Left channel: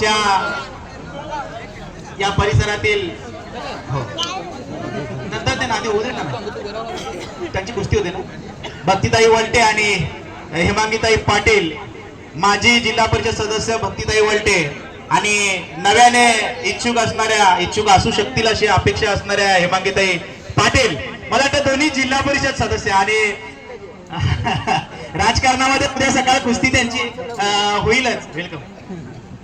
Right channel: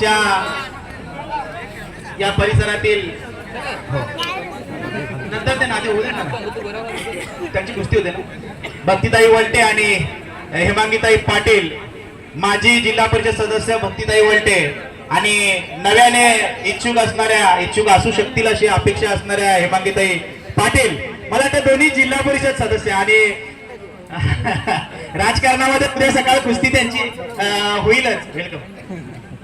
च्या या परिसरातील नंतर ते नाते होऊ ना. त्यांची कुस्ती होते ना. भक्तीताई वलटे आणि हेमांगीताई पाटील माजी जिल्हा परिषद सदस्य भक्तीताई वलटे आणि नव्याने इच्छुक असणाऱ्या इच्छुक असू शकतील अशी अपेक्षा असणाऱ्या हेमांगीताई पाटील. मला त्या दोन्ही जिल्हा परिषद सदस्य आणि राजकारणामध्ये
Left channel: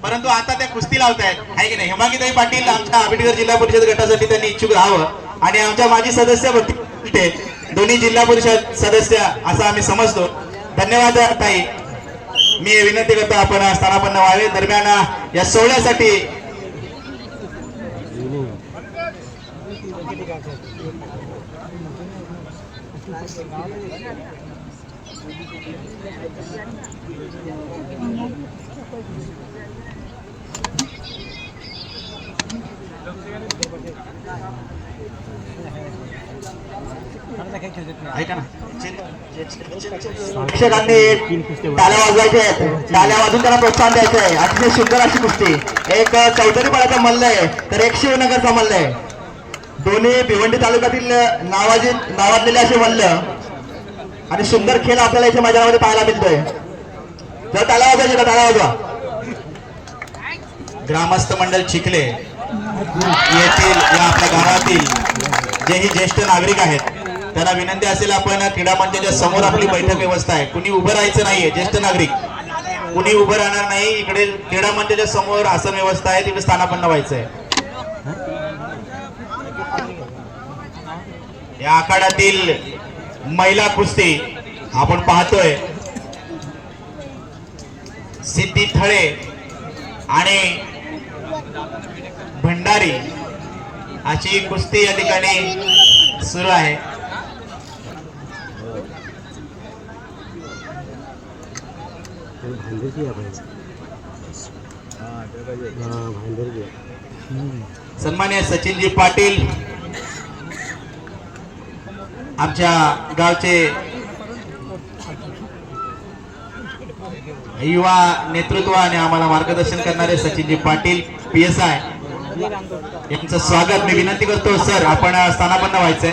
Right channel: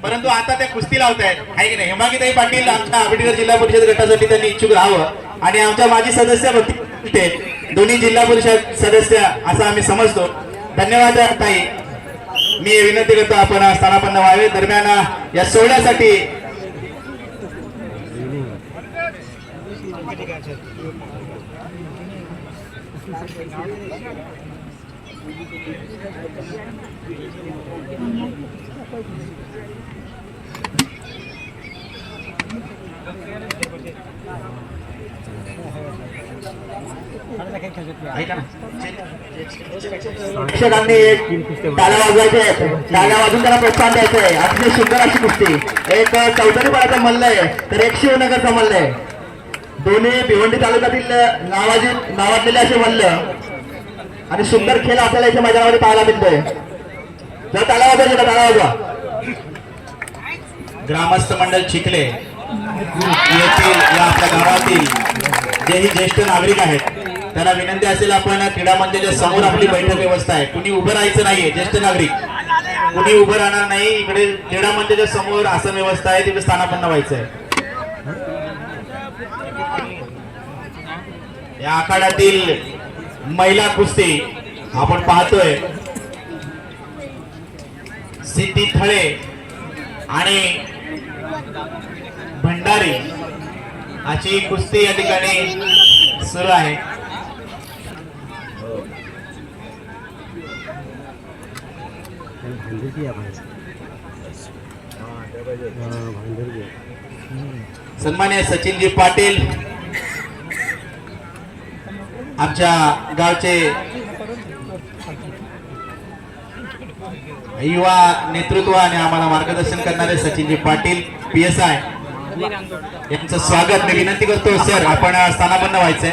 परंतु आता त्या कुस्ती लावतायत. आहे की नाही? हेमागीताई पाटील आमच्या आंबेडकर जिल्हा परिषद गटासाठी त्यांनी इच्छुक राहावं आणि आमच्या माजी सदस्य दोन्ही जिल्हा परिषद सदस्य असं आम्ही समजतो. धन्यवाद ताई. मी विनंती करतो आपण स्थानापन्न व्हावे. दरम्यान या सोहळ्यासाठी ऐका टाळ्या वाजवायचे टाळ्या वाजून प्रोत्साहन द्यायचं. आहे अतिशय सुंदर अशी कुस्ती. एक चौधरी पाडाचा मल्ल आहे तर एक शिवनगरचा मल्ल आहे. दोन्ही भिवंडी तालुक्यातील नावाजी नावाजलेले असे मल्ल. आणि सुंदर खेळ आपल्याला इथे मैदानामध्ये पाहायला मिळतोय. जर टाळ्या वाजवायची तर टाळ्या वाजवा. ग्रामस्थ मंडळ चिखले येथील आपल्या घरातील जेही ज्येष्ठ नागरिक आहेत त्यांना विनंती असेल आपण क्रीडा मंचाच्या समोर आपली बैठक व्यवस्था आहे. कुणी उभं राहायचं नाहीये ज्येष्ठ नागरिक. कुणी उभं राहणार नाही इकडे क्रीडा मंचाच्या समोर असं व्यवस्था आहे तिकडे स्थानापन्न व्हायचं आहे या आखाड्यातील महिला कुस्ती आपण पाहतोय. सिद्धी थळे आणि भंडारी अशी कुस्ती या ठिकाणी सुरू आहे. सन्मान्य सचिनजी पाटील आमच्या गावचे युवा नेतृत्व आणि आम्हाला मार्गदर्शन करणारे Sachinji Patil P S I यांचं स्वागत. मी विनंती करतो सर आपण स्थानापन्न व्हायचंय.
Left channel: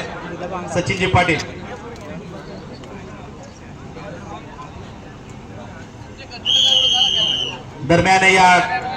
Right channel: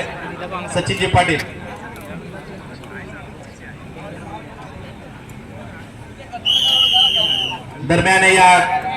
सचिनजी पाटील. दरम्यान या